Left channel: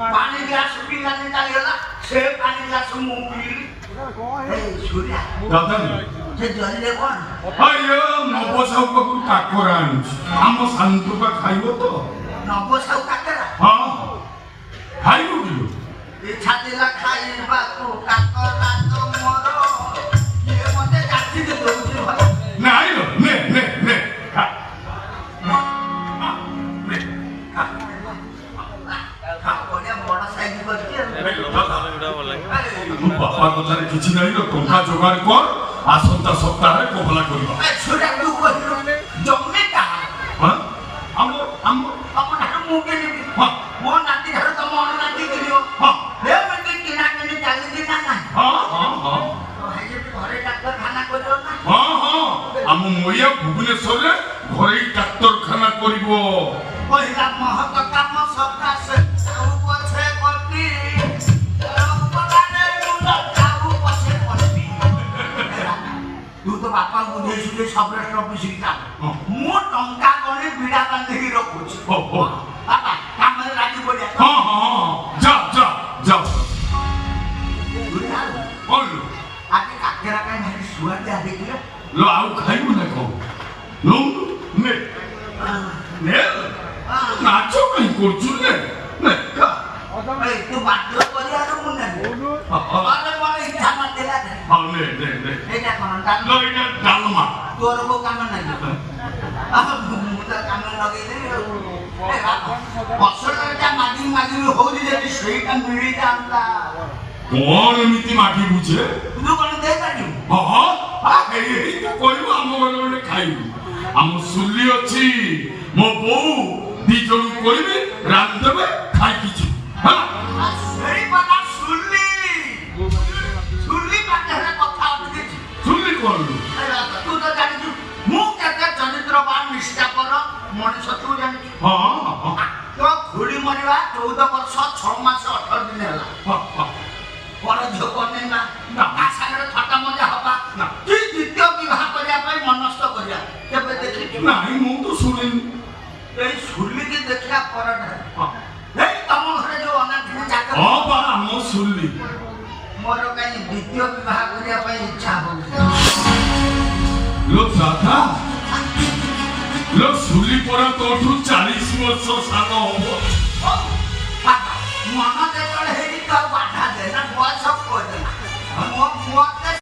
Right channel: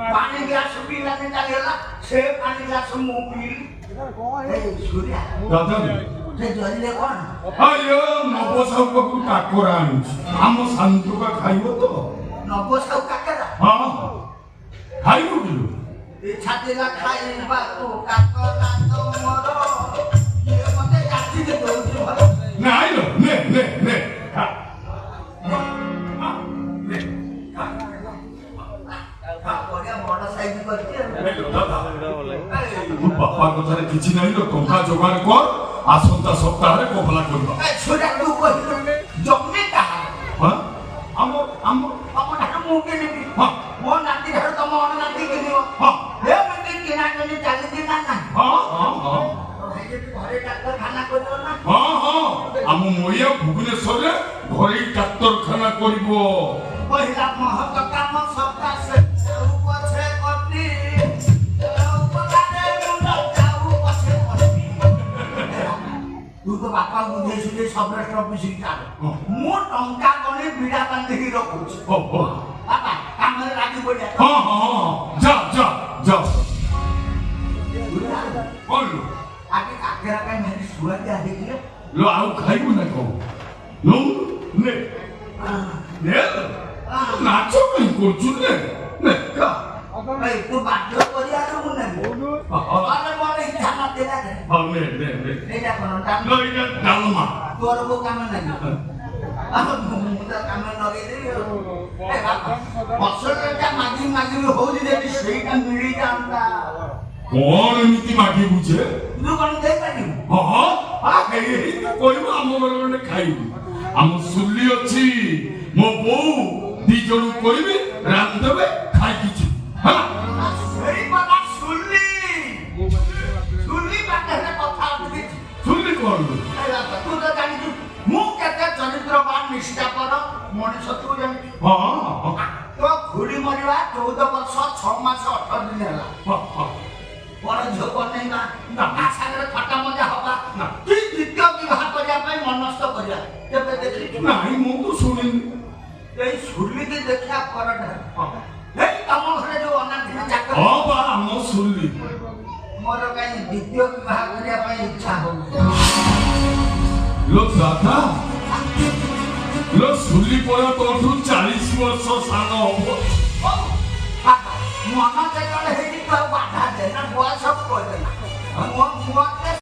पानी गिलास पिलाने चालेला से पानी गिलास मोबिल ए सूर्या दादा जे जल्दी कोन अयो नबसाउ को काकोरान हम संतु का खाइबो तो नबसाउ काकरा हां खाइबो दिलो इच्छा दिला खाइबा तो काकरा तो मोरो ये मते जाति के दउछि भाई नहीं लो ने खा बापा कथारे किछि नाही लो टंका जोगाड़ कर आसंता सप्ताह रे कोहला करबा छोटा तू कहिलो जम्मे का हां हमर ढार मु के हां मो नाती ढार तम अन नाती केलियो हां हे मते किना केने चाली दिना ना हां तो हे जे घरे डाक्टर खाना करियो ना हां हम मोया भुवनेश्वर रे घरे डाक्टर खाना करिवो पहिला महत काम सप्ताह से पछे करती तू तो बापा बुझे सुझे सब रेस्ट ऑफिस की काम मो टंका गने बीड़ा बांधे ही रखुछ हो बापा काम में राजी बोलिया हां जा बोलो आगे काकेरा का नहीं सुआ दे देखियो लो आउ खाइबो ना को नो ने नाचो कहीं करछु ने का ए तू बाध्य करिया रो मुने अरे बोले इच्छा मत देला दे हां ने एटा कोन डाल लो इना डालमा तोर को काम नहीं अब मुदा काम लगे दे ए बसटा मागी हो जे सेटा मिली जांदा कौन नीति माटी बुझे तू कोन दे काटी हां एई तो कोइबो हम बने खाइबो हम सुल्ली अछि मो बौ दी जण करिबे रात देबे खाइ किछि हां सेरी बाबा सुल्ली बाटे हे कथा उठी सुल्ली करलु तू तो जानि मु केते चरित्रवान निष्ठा कर मनुष्य तू जानि हां तो खुड़ी मरिवा 14 वर्ष 6 मास 18 दिन होला हां बड़ झो कोने ना आसारे फटा मजा हवा कि द्वितीय विवाह करिया पई मनस्थ करिया केबे देखि नाही मु तो सुनिनी ए सुल्ली के देखिया परड हे तम घरे जो अनाथ जाक हां बा हम सुल्ली मोर काई द्वितीय विवाह करिया पई इच्छा हो लो दादा लो सुल्ली पर तो 40 वर्ष साल हो मन जेतले हेरी तो बाधा देना बयस को देना मो